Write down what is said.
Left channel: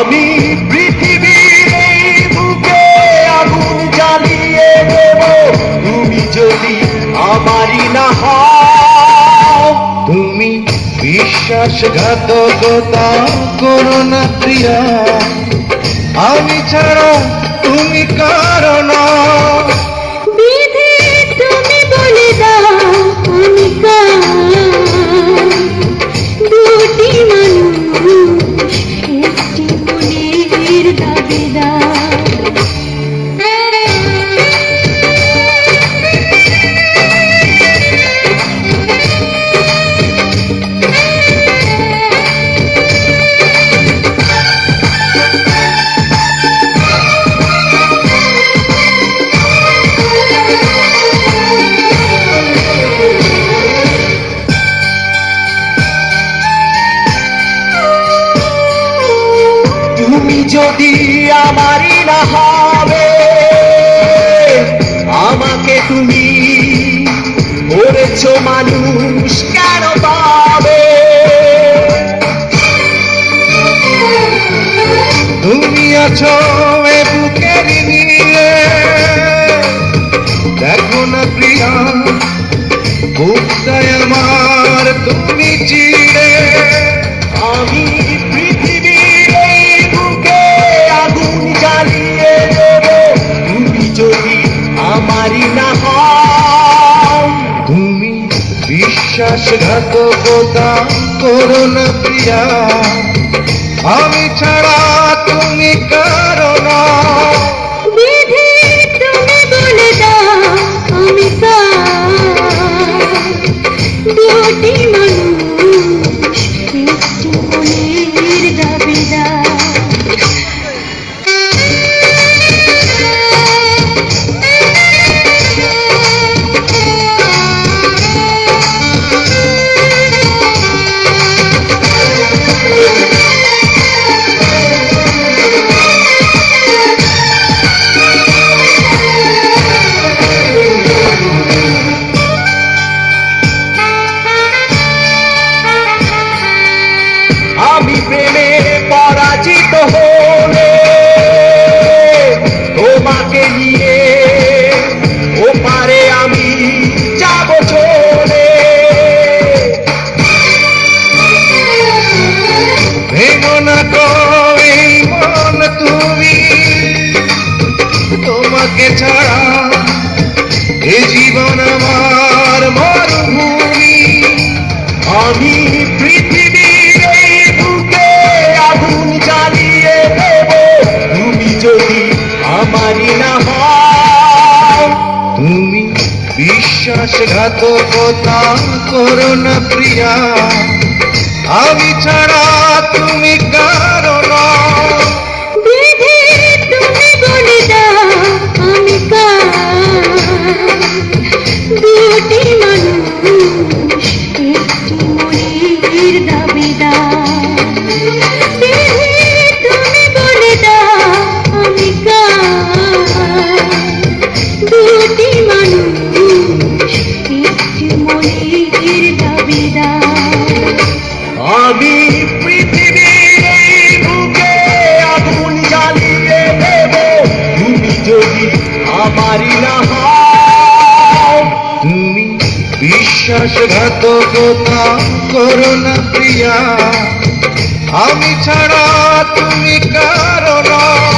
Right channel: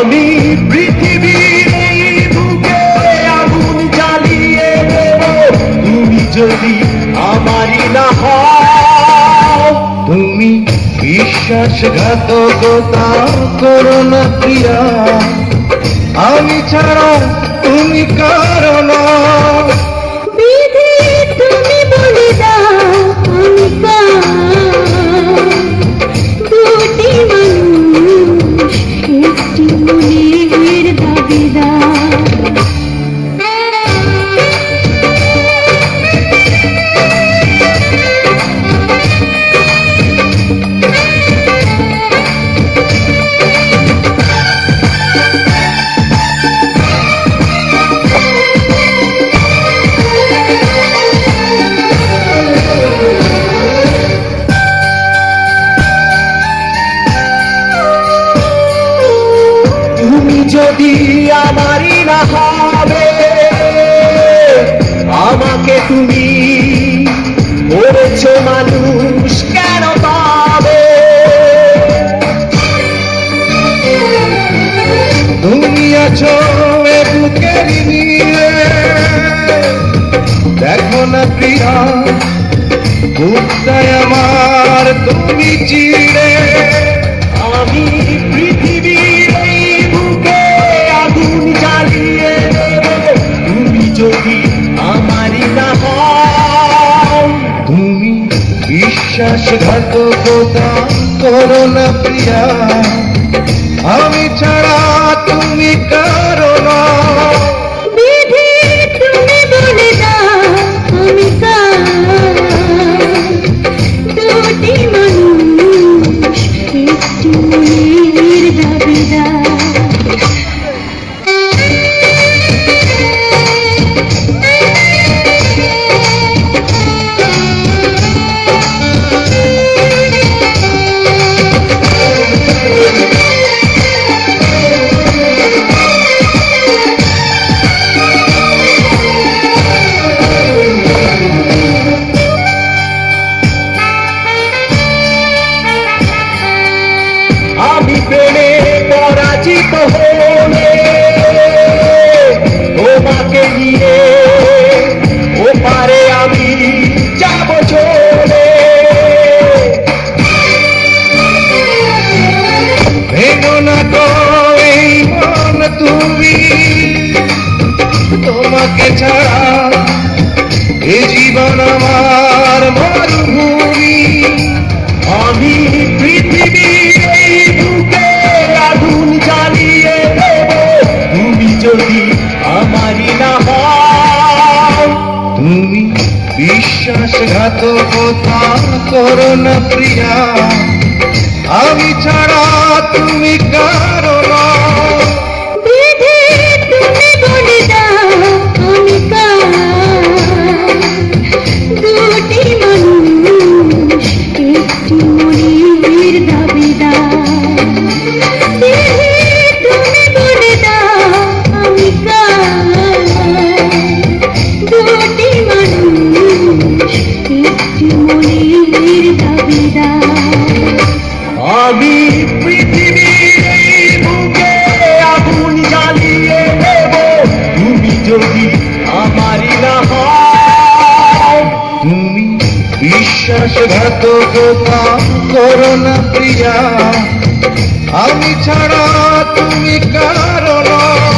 আমি পৃথিবীর এই বুকে আগুন জ্বালিয়ে দেব তুমি যদি আমারই না হও। তুমি বিশ্বাসঘাতকতা করো না প্রিয়া, আমি ছাড়া তুমি কারো নও। বিধি তুমি বলে দাও আমি কার, দুটি মানুষ একটি মনের দাবিদার। তুমি যদি আমারই না হবে, আমাকে তুমি করেছো মানুষ কেন পাবে? তুমি আছো এ বুকের নিয়ে, দেখো না প্রিয়া বুকটায় আমার তুমি চিড়ে। আমি পৃথিবীর এই বুকে আগুন জ্বালিয়ে দেব তুমি যদি আমারই না হও। তুমি বিশ্বাসঘাতকতা করো না প্রিয়া, আমি ছাড়া তুমি কারো নও। বিধি তুমি বলে দাও আমি কার, দুটি মানুষ একটি মনের দাবিদার। আমি প্রেমে পরাজিত হলে তোমাকে নিয়ে ওপারে আমি যাব চলে। ভেঙো না তো এই মন তুমি, তোমাকে ছাড়া এ জীবন আমার মরুভূমি। আমি পৃথিবীর এই বুকে আগুন জ্বালিয়ে দেব তুমি যদি আমারই না হও। তুমি বিশ্বাসঘাতকতা করো না প্রিয়া, আমি ছাড়া তুমি কারো নও। বিধি তুমি বলে দাও আমি কার, দুটি মানুষ একটি মনের দাবিদার। বিধি তুমি বলে দাও আমি কার, দুটি মানুষ একটি মনের দাবিদার। আমি পৃথিবীর এই বুকে আগুন জ্বালিয়ে দেব তুমি যদি আমারই না হও। তুমি বিশ্বাসঘাতকতা করো না প্রিয়া, আমি ছাড়া তুমি কারো নও।